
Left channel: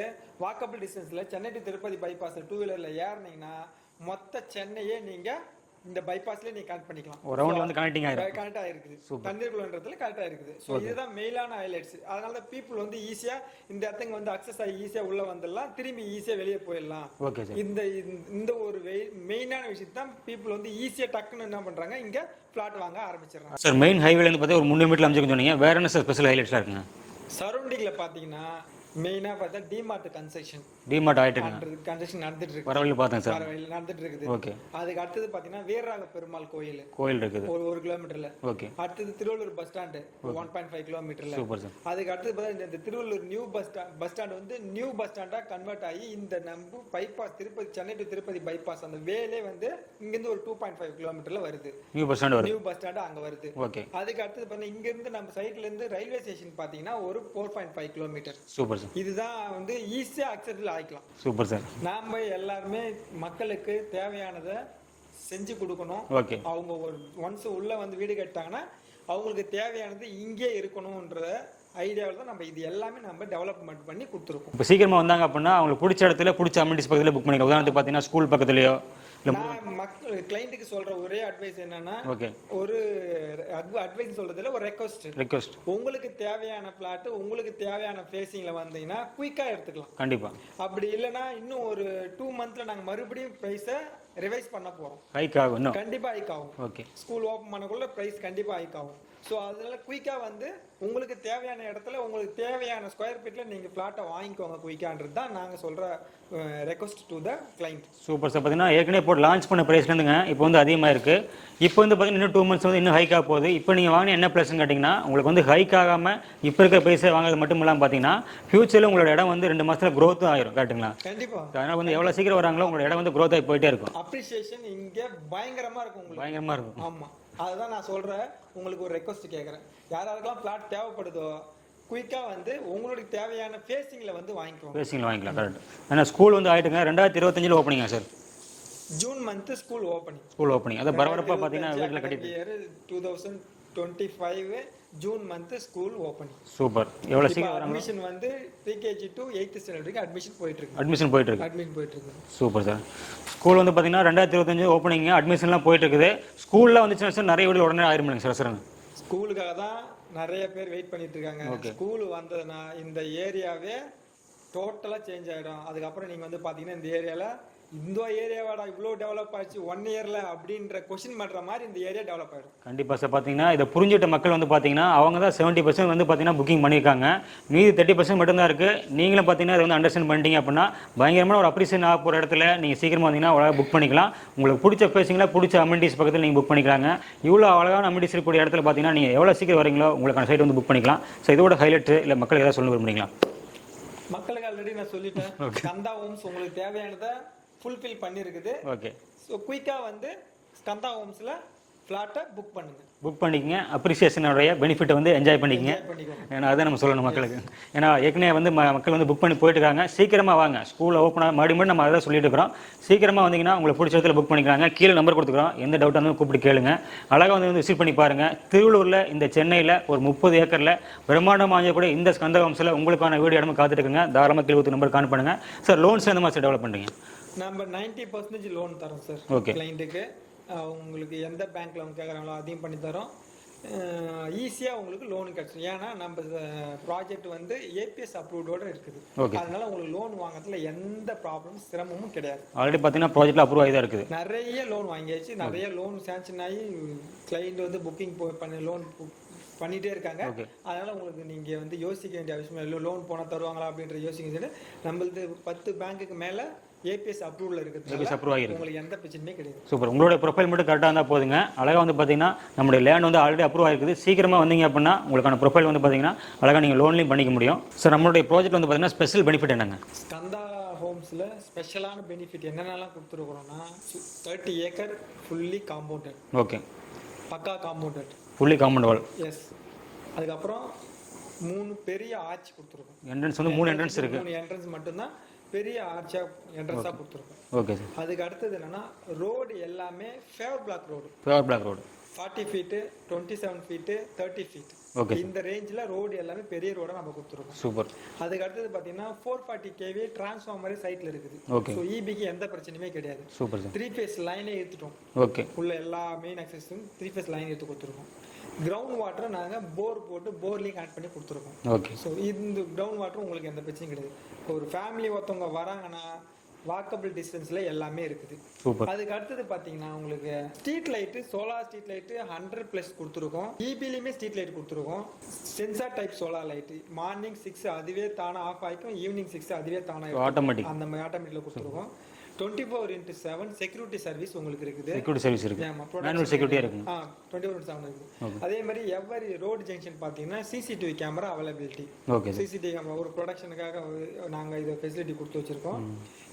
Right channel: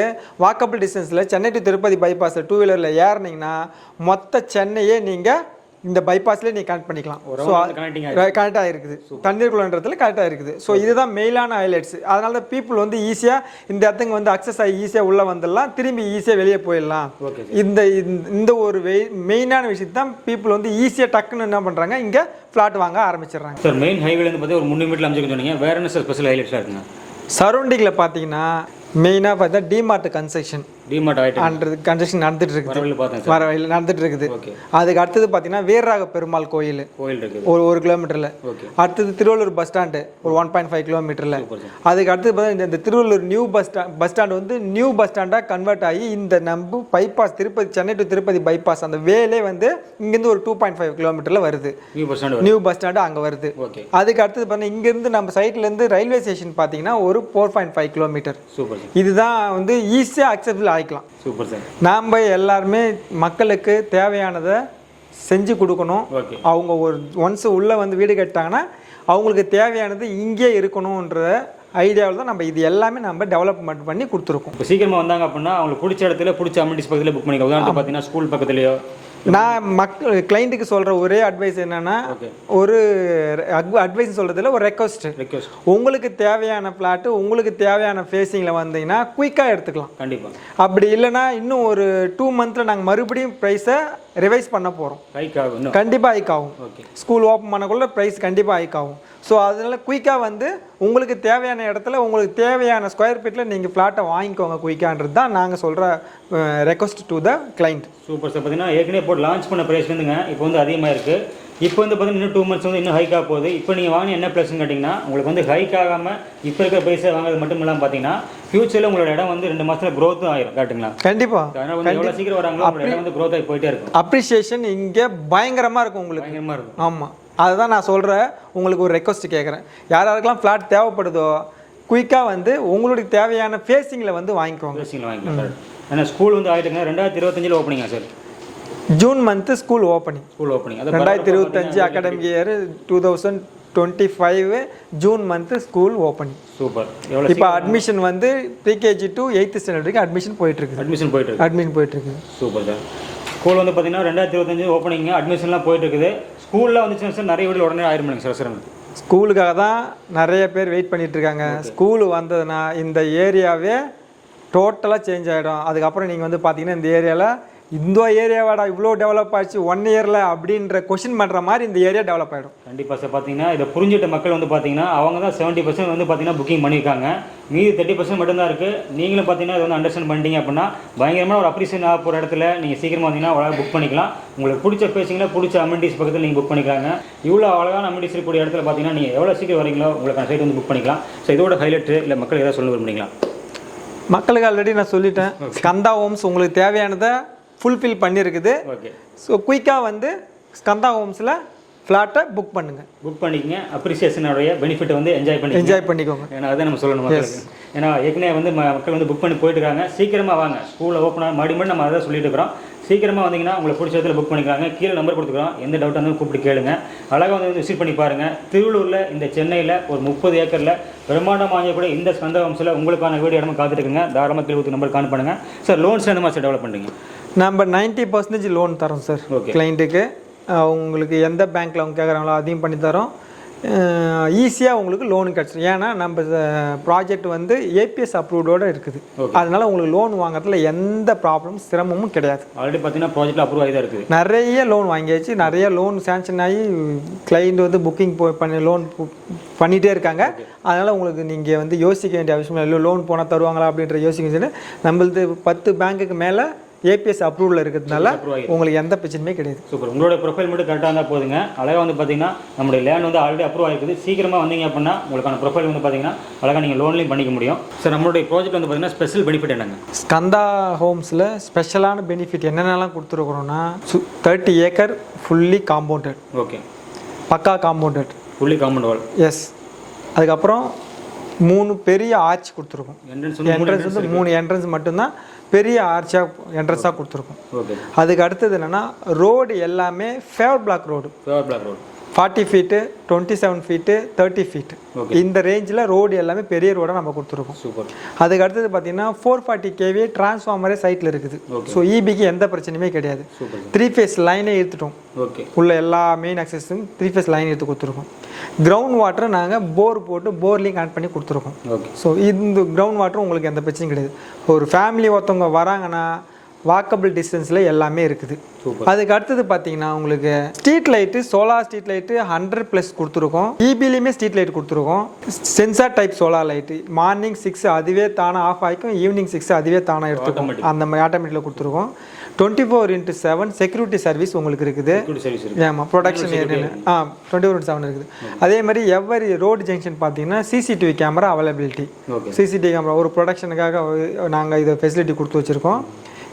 வாக்கபிள் டிஸ்டன்ஸில் சென்னை டு திருப்பதி பைபாஸில் 2 வீலரில் ஏறினீங்கன்னா மொத்த சென்னையே நீங்கள் இந்த பைபாஸ்லேயே நீங்கள் கனெக்ட் பண்ணிக்கலாம். ஸோ கரெக்டாக இருக்குது, தண்ணீருக்குள்ளன்றதுல கரெக்டாக இருக்குது. ஸோ இதுதான் மெயினான ஹைலைட்ஸ். அதனால தான் பீப்புள் வந்து ஈஸியாக இந்த இடத்துக்கு வந்து அக்சஸ் ஆகி ஈஸியாக உள்ளே வந்துடலாம், திரும்பி ஈஸியாக வெளியே போயிடலாம். இந்த ஒரு மெயினான விஷயத்தை தான் பீப்புள் வந்து ஈஸியாக டக்குன்னு என்ன பண்ணுறாங்க, இங்கே ஃப்ளாட் வாங்க ஆரம்பிச்சிடுறாங்க. சார் மெயின் ஹைவேலேருந்து பார்த்தா ஒரு 300 மீட்டர் அமைச்சு சொன்னீங்க, வேறு என்ன சார் ஸ்பெஷல் ஹைலைட்ஸாக இருக்குங்க? சரௌண்டிங்கில் பார்த்தீங்கன்னா மெயினாக பார்த்தா டிமார்ட் கன்ஸ்ட்ரக்ஷன் கன்ஸ்ட்ரக்ஷன் நடந்துட்டு இருக்குது, வர வழியில் நடந்துட்டு இருக்குது. அதுக்கு அடுத்தது பார்த்தீங்கன்னா வீரராக பெருமாள் கோயில் ஒரு 1 கிலோமீட்டரில். அடுத்தது திருவள்ளூர் பஸ் ஸ்டாண்டு ஒரு 1.5 கிலோமீட்டரில். அதுக்கு அடுத்தது பார்த்தீங்கன்னா இந்த திருவள்ளூர் நியூ பஸ் ஸ்டாண்ட் வந்து நியூ பஸ் ஸ்டாண்டாக கன்வெர்ட் ஆகி இந்த நம்ம bypass Tirupati Chennai to Tirupati bypass அந்த வேலே வந்து இங்கேருந்து ஒரு 2.5 கிலோமீட்டரில் வருது, நியூ பஸ் ஸ்டாண்டு அங்கே வருது. அதுக்கு அடுத்தது பார்த்தீங்கன்னா இங்கேருந்து நம்ம சைட்லேருந்து ரயில்வே ஸ்டேஷன் பார்த்தீங்கன்னா ஒரு 4.5 கிலோமீட்டர். இதுதான் வந்து ஈஸியாக அக்செப்டபிள் ஆகிக்கலாம். Super sir. நாம் எல்லாருமே மக்களுக்கு தேவையானதை செஞ்சு கொடுக்கணும். அவங்க ஒரு ஒன்ஸ் உள்ளே வந்து வீடு கட்டாங்கன்னா அவங்களுக்கு தேவையானது இங்கே இருக்கணுன்ற ஐடியாவில் தான் நம்ம இது எல்லாமே நம்ம டெவலப்மெண்ட் பண்ணி கொடுத்துருக்கோம். இப்போ சீக்கிரமாக வந்தாங்க அப்படின்னா அவங்களுக்கு பிடிச்ச இடத்துல பிடிச்ச அமெனிட்டிஸ் பக்கத்தில் புக் பண்ணிக்கலாம். உதாரணத்துக்கு பார்த்தீங்கன்னா ஸ்கூல் பக்கத்துலையோ. நான் கிளைண்ட்டுக்கு சொல்கிற ஒரே அட்வைஸ் என்னன்னா, ஒரு அட்வைஸ் சொல்கிறதுல ஒரு ரெக்வஸ்ட், உங்களுக்கு தேவையான பிளாட்டு உங்களுக்கு தேவையான ஃபேஸிங்கில் வந்தீங்கன்னா குயிக்காக எடுத்துக்கலாம். கண்டிப்பாக. அப்படி இல்லைன்னா இன்னும் ஒரு 2 மந்த்தில் நாங்கள் மறுபடியும் ப்ரைஸை ரிவைஸ் பண்ண போகிறோம். கண்டிப்பாக ஹைக் ஆகும். ஸ்கூல் ஓப்பன் பண்ணக்குள்ள ப்ரைஸ் கண்டிப்பாக ஹைக் ஆகும். ஸோ அதனால குயிக்காக வந்து உங்களுக்கு தேவையான இடத்துல உங்களுக்கு தேவையான ஸ்கொயர் ஃபீட்டில் நீங்கள் ஃப்ளாட்டை வாங்கிக்கோங்க குயிக்கான்றது தான் நாங்கள் சொல்கிற request to the client. Super sir. பார்த்தீங்கன்னா ஏற்கனவே போட்டு லான்ச் பண்ண ப்ரைஸ்லேருந்துங்க இப்போ வந்து அதிகமாக இருக்குது. இப்போ வந்து பார்த்தீங்கன்னா இன்னும் 2 மந்த்ஸ் வந்து இன்னும் ஹைக்காக போகுது. இப்போ நீங்கள் வாங்கின என்ன ப்ளஸ்ன்னு கேட்டிங்கன்னா, உங்களுக்கு வந்து ஹைக் ஆகாமல் இப்போ இருக்கிற ப்ரைஸை வாங்குறது மட்டும் இல்லாமல் பார்த்தீங்கன்னா ஃபியூச்சரில் உங்களோட இடம் வந்து 2 மாதத்தில் க்ரோத்தும் ஆகிடும். கரெக்டுங்களா? கண்டிப்பாக. அதனால் வந்து எவ்வளோ சீக்கிரம் வராங்களோ உங்களோட இடம் வந்து க்ரோத் ஆகி போயிட்டே இருக்கும். அப்ரிஷியேஷன் இங்கே பயங்கரமாக இருக்கும் உங்களுக்கு. பயங்கரமாக இருக்கும். ஆமாம், அதுதான் நான் சொல்கிறேன். உங்களுக்கு ஒரு ரெக்வஸ்ட் கேட்குறேன், யாராருக்கெல்லாம் ஃப்ளாட் தேவைப்படுதோ குயிக்காக வந்து உங்களுக்கு தேவையான ஃபேஸிங்கில் வந்து வாங்கிக்கோங்க. ஃபேஸிங்கில் வாங்கிக்கலாம். ஏன்னா ஸ்கூல் வந்து ஆகிட்டுங்க 2025 ஓப்பனிங்கா sir? June month school opening. 2025 academic year 2025 June month school opening. Super. இப்போ அட்மிஷன் வந்து ப்ரீகேஜி டு 8th ஸ்டாண்டர்ட் வரைக்கும் அட்மிஷன் போயிட்டுருக்கு. அட்மிஷன் போயிட்டு இருக்கு. Super sir. ஸ்கூல் வந்து பார்த்தீங்கன்னா 2025 ஓப்பனிங், அட்மிஷன்லாம் போயிட்டு இருக்குது. ஸ்கூலில் வந்துச்சுன்னா சார் நிறைய வீடு உடனே ஆயிரம் சார். சார் ஸ்கூலுக்காக தான் நிறைய பேர் வெயிட் பண்ணிட்டு இருக்காங்க. ஸ்கூலு வந்ததுன்னா இந்த ஏரியாவே டோட்டலாக சேஞ்ச் ஆகிடும். அதுக்கப்புறம் நீங்கள் வந்து பார்த்தீங்கன்னா இந்த ஏரியாவில் இந்த ஏரியாவாடா இவ்வளோ டெவலப் ஆச்சு 1 இயரில் அப்படின்ற கொஷின் பண்ணுற மாதிரி இந்த ஏரியா டெவலப் ஆகிடும். கண்டிப்பாக சார். பார்த்தீங்கன்னா இதை புரிஞ்சுட்ட மக்கள் வந்து பார்த்தீங்கன்னா அவங்க தான் 70% வந்து பார்த்தீங்கன்னா புக்கிங் பண்ணியிருக்காங்க. மீதி 30% மட்டும்தான் இருக்குது. நீங்களும் பார்த்தீங்கன்னா அதை வந்து அண்டர்ஸ்டாண்ட் பண்ணிட்டீங்க அப்படின்னா பயங்கரமான ஒரு அப்ரிசியேஷன் ஆக போகிற இடத்துல நீங்கள் சீக்கிரமாக வந்தீங்கன்னா அவ்வளோ புக் பண்ணிக்கலாம். உங்களுக்கு பிடிச்ச ஃபேஸிங்கில் பிடிச்ச அமெனிட்டிஸ் பக்கத்தில் நீங்கள் புக் பண்ணிக்கலாங்க. இவ்வளோ அழகான அமெனிட்டிஸ் இருக்கக்கூடிய இடத்துல பார்த்தீங்கன்னா நீங்கள் எவ்வளோ சீக்கிரம் வரீங்களோ உங்களுக்கான சைட் வந்து புக் பண்ணிக்கலாம். ஸோ இதோட ஹைலைட்டு இல்லை மக்களுக்கு ஏதாவது சொல்ல விரும்புறீங்களா? மக்களுக்கு ஆல்ரெடி நான் சொல்லிட்டேன், ஸ்கந்தா ஹோம்ஸ் உங்களுக்கு தேவையானதை ஃபுல்ஃபில் பண்ணியிருக்குது. ஸோ குயிக்காக வந்து ஸ்கந்தா ஹோம்ஸில் ஃப்ளாட்டை புக் பண்ணிக்கங்க. அப்ரிசியேஷனுடைய பெனிஃபிட்டை வந்து என்ஜாய் பண்ணிக்கோங்க. ஏன்னா அதை நம்ம சொல்லணும் மக்களுக்கு. ஏன்னா ஏற்கனவே வந்து மக்கள் வந்து புக் பண்ணி போயிட்டு இருக்காங்க. சீக்கிரமாக வாங்க, ஸ்கூலில் ஓப்பன் மறுபடியும் நம்ம அதை சொல்லிட்டு இருக்கிறோம். சீக்கிரமாக வந்தீங்கன்னா உங்களுக்கு பிடிச்ச இடத்துல புக் பண்ணிக்கிறாங்க. கீழே நம்பர் கொடுத்துக்கிறோம், எந்த டவுட்டாக இருந்தாலும் கூப்பிட்டு கேளுங்க. அழகாக வந்து விசிட் பண்ணி பாருங்கள். திருவள்ளூரில் இந்த சென்னையில் ஒரு 30 ஏக்கரில் பிரம்மாண்டம் வாங்கக்கூடிய இந்த ஸ்கந்தா ஹோம்ஸில் உங்களுக்கான வீடு இடமா காத்துட்டு இருக்குங்க. தாராளமாக கீழே நம்பர் கான் பண்ணுங்கள் சார். லோன்ஸ் எந்த மாதிரி டெவலப் பண்ணுறீங்க? நம்ம 90% லோன் தரோம் சார் கிளைண்ட்டுக்கு. உங்களுக்கு எந்த பேங்க்கில் அவங்க கேட்குறாங்களோ அதையும் பண்ணி தரோம். ஈஸியாக உங்களுக்கு லோன் கிடச்சிடும். ஏன்னா நம்ம ப்ராஜெக்ட் வந்து ஏபிஎஸ் அப்ரூவ்டோடு இருக்குது. அதனால் உங்களுக்கு லோன் வாங்குறதுல எந்த ப்ராப்ளமும் சிரமமும் கிடையாது. ஆல்ரெடி பார்த்தீங்கன்னா ப்ராஜெக்ட் அப்ரூவ் ஆகி தான் இருக்குது. நிறைய லோன் வாங்கியாச்சு, நிறைய லோன் சேங்ஷன் ஆகி கிளைண்ட் வந்து புக்கிங் பண்ணி லோன் பண்ணிகிட்டே இருக்காங்க. அதனால் உங்களுக்கு நீங்கள் வந்து யோசிக்க வேண்டிய அவசியம் இல்லை, லோன் போனால் தருவாங்களா அப்படின்ற யோசிக்க வேண்டியது. நம்மளது 10 பேங்க்குக்கு மேலே ஏபிஎஸ் அப்ரூவலில் இருக்கிறதுனால உங்களுக்கு எந்த பிரச்சனையுமே கிடையாது. சூப்பர். உங்களோட ப்ரொஃபைல் மட்டும் கரெக்டாக இருந்தால் போதுங்க. அழகாக வந்து பார்த்தீங்கன்னா நம்மளுடைய லேண்ட் வந்து ஆல்ரெடி அப்ரூவ் ஆகிருக்குது. சீக்கிரமாக வந்தீங்க அப்படின்னா உங்களுக்கான ப்ரொஃபைல் வந்து பார்த்தீங்கன்னா அழகாக நீங்கள் லோன்லையும் பண்ணிக்க முடியும். சார் நம்மளுடைய ப்ராஜெக்ட் வந்து பார்த்தீங்கன்னா ஸ்பெஷல் பெனிஃபிட் என்னங்க? ஸ்கந்தா ஹோம்ஸில் ஸ்பெஷலான பெனிஃபிட் என்னென்னலாம் கொடுத்துருக்குறோன்னா 30 ஏக்கர் ஃபுல்லி காம்பவுண்டட். ஓகே. பக்கா compounded. Fully compound wall. Yes. அதுக்கப்புறம் 3 பெரிய ஆர்ச் கொடுத்துருக்கோம். என்ட்ரன்ஸ் வந்து 3 என்ட்ரன்ஸ் மட்டும்தான் பெரிய ஆர்ச்சாக என்ட்ரன்ஸாக கொடுத்துருக்கோம். ஓகே. அதுக்கு அடுத்தது என்னென்னா ரோடு எல்லாமே favour black road. 40 feet, 27 feet, 30 feet, இந்த ரேஞ்சில் ரோடு எல்லாமே பெரிய ரோடாக நம்ம கொடுத்துருக்கோம். சூப்பர். அதுக்கு அடுத்தது பார்த்தீங்கன்னா 440 kV டிரான்ஸ்ஃபார்மரே சைட்டில் இருக்குது. ஸோ இபிக்கு எந்த பிரச்சனையுமே கிடையாது. 3 ஃபேஸ் லைனே எடுத்துட்டோம். ஓகே. உள்ள எல்லா மெயின் அக்சஸும் 3 ஃபேஸ் லைன் எடுத்து கொடுத்துருக்கோம். கிரவுண்ட் வாட்டரை நாங்கள் போர் போட்டு போர்லேயும் கனெக்ட் பண்ணி கொடுத்துருக்கோம். ஓகே. ஸோ இந்த கிரவுண்ட் வாட்டரும் உங்களுக்கு எந்த பிரச்சனையும் கிடையாது. ஒரு ஃபேமிலி ஒருத்தவங்க வராங்கன்னா வாக்கபிள் டிஸ்டன்ஸில் எல்லாமே இருக்குது. அதுக்கு அடுத்தது பார்த்தீங்கன்னா உங்களுக்கு street light, solar street light 100+ கொடுத்துருக்கோம். இபிலையுமே ஸ்ட்ரீட் லைட் கொடுத்துருக்கோம். Sensor type solar light morning 6 அதுவே தானாக ஆஃப் ஆகிக்கும், ஈவினிங் 6 அதுவே தானாக எடுத்துக்கும். அந்த மாதிரி ஆட்டோமேட்டிக்கில் கொடுத்துருக்கோம். 24/7 செக்யூரிட்டி சர்வீஸ் உங்களுக்கு இருக்குது. ஆமாம், ப்ரொடக்ஷன் 24/7 இருக்குது. அதே மாதிரி எவ்வரி ரோடு ஜங்ஷன் பார்த்தீங்கன்னா CCTV camera availability. CCTV camera ஒரு ப்ரொடக்ஷனுக்காக நாங்கள் இதை ஃபெசிலிட்டி கொடுத்து வச்சுருக்கோம்.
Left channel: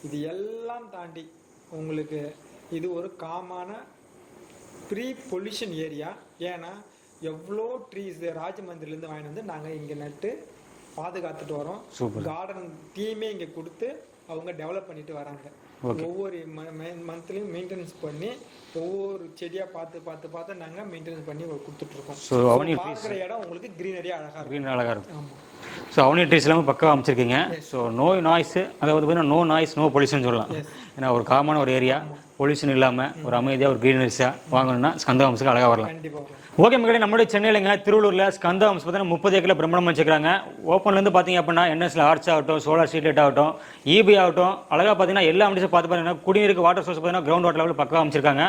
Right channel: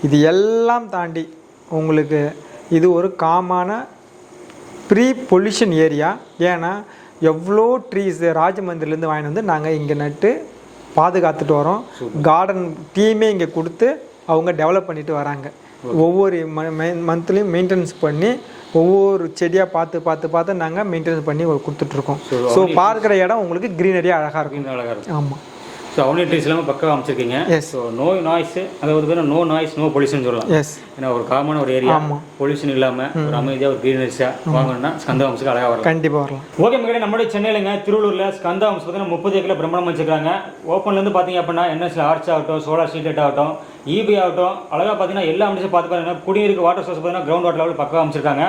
இது எல்லாம் தாண்டி உங்களுக்கு இது ஒரு காமான ப்ரீ பொல்யூஷன் ஏரியா. ஏன்னா எவ்வளோ ட்ரீஸ் ராஜமந்திரிலேருந்து வாங்கிட்டு வந்து நாங்கள் இங்கே நட்டு பாதுகாத்துட்டு வரோம். கார்டன் டீமே இங்கே கொடுத்து அவங்க டெவலப் பண்ணிட்டு வராங்க. ஒவ்வொரு மந்த்லேயும் மெயின்டெனன்ஸ் பண்ணி ஒவ்வொரு செடியாக பார்த்து நாங்கள் மெயின்டெனன்ஸ் பண்ணி கொடுத்துட்ருக்கோம். ஸோ பார்க்குற இடம் உங்களுக்கு க்ரீனரியாக அழகாக இருக்கும். ஆமாம். ஸோ அவனி ட்ரீஸ் எல்லாமே பக்கம் அமைச்சிருக்கீங்க. ஸோ நோ நாய்ஸ், அதாவது வந்து நோ நாய்ஸ் நோ பொல்யூஷன் சொல்லலாம். ஏன்னா ஒரு காமன் ஒரு ஏரியா, பொல்யூஷன் இல்லாமல் ஒரு அமைதியாக ஒரு க்ரீனரிஸாக வாங்கணும்னா ஸ்கந்தா ஹோம்ஸுக்கு அழகாக வரும். கண்டிப்பாக வரலாம். ஓகே மக்களே, நம்மளுடைய சென்னையிலங்க திருவள்ளூரில் ஸ்கந்தா ஹோம்ஸ் பார்த்தீங்கன்னா 30 ஏக்கரில் பிரம்மாண்டம் வச்சுருக்காங்க. ஓப்பன்லேருந்து பார்த்தீங்க அப்படின்னா என்எஸ்ல ஆர்ச் ஆகட்டும், சோலார் ஸ்ட்ரீட் லைட் ஆகட்டும், இபி ஆகட்டும், அழகாக பார்த்தீங்கன்னா எல்லா அமைச்சும் பார்த்து பார்த்தீங்கன்னா குடிநீருக்கு வாட்டர் சோர்ஸ் பார்த்தீங்கன்னா கிரவுண்ட் வாட்டர் லெவல் பக்கம் அமைச்சிருக்காங்க.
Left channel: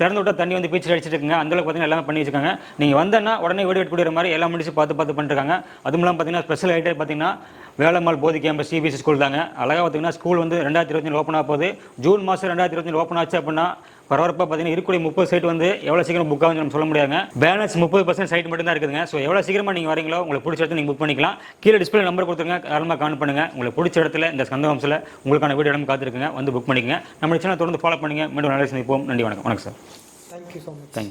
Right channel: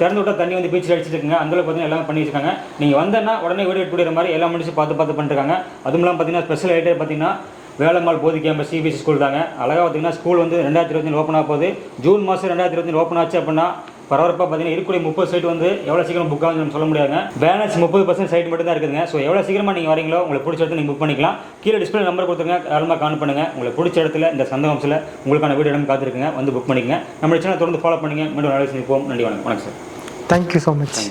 திறந்து விட்டால் தண்ணி வந்து பீச்சில் அடிச்சிட்டு இருக்குங்க. அந்தளவுக்கு பார்த்தீங்கன்னா எல்லாமே பண்ணி வச்சிருக்காங்க. நீங்கள் வந்தேன்னா உடனே வீடியோ எடுத்து கொடுக்குற மாதிரி எல்லா அமைச்சும் பார்த்து பண்ணிருக்காங்க. அதுவும் இல்லாமல் பார்த்தீங்கன்னா ஸ்பெஷல் ஐட்டம் பார்த்தீங்கன்னா வேலம்மாள் போதி கேம்பஸ் சிபிஎஸ்சி ஸ்கூல் தாங்க. அழகாக பார்த்தீங்கன்னா ஸ்கூல் வந்து 2025 ஓப்பன் ஆக போகுது. ஜூன் மாதம் 2025 ஓப்பன் ஆச்சு அப்படின்னா பரபரப்பாக பார்த்தீங்கன்னா இருக்கக்கூடிய 30 சைட் வந்து எவ்வளோ சீக்கிரம் புக் ஆகுது நம்ம சொல்ல முடியாதுங்க. பேலன்ஸ் 30% சைட் மட்டும் தான் இருக்குதுங்க. ஸோ எவ்வளோ சீக்கிரமாக நீங்கள் வரீங்களோ உங்களுக்கு பிடிச்ச இடத்துல நீங்கள் புக் பண்ணிக்கலாம். கீழே டிஸ்பிளே நம்பர் கொடுத்துருங்க, யாருமா கான் பண்ணுங்கள். உங்களுக்கு பிடிச்ச இடத்துல இந்த ஸ்கந்தா ஹோம்ஸில் உங்களுக்கான வீடியோ இடம் காத்திருக்குங்க, வந்து புக் பண்ணிக்கங்க. நம்ம சேனல் தொடர்ந்து ஃபாலோ பண்ணுங்க. மீண்டும் நல்ல சந்திப்போம். நன்றி, வணக்கம். வணக்கம் சார். Thank you so much.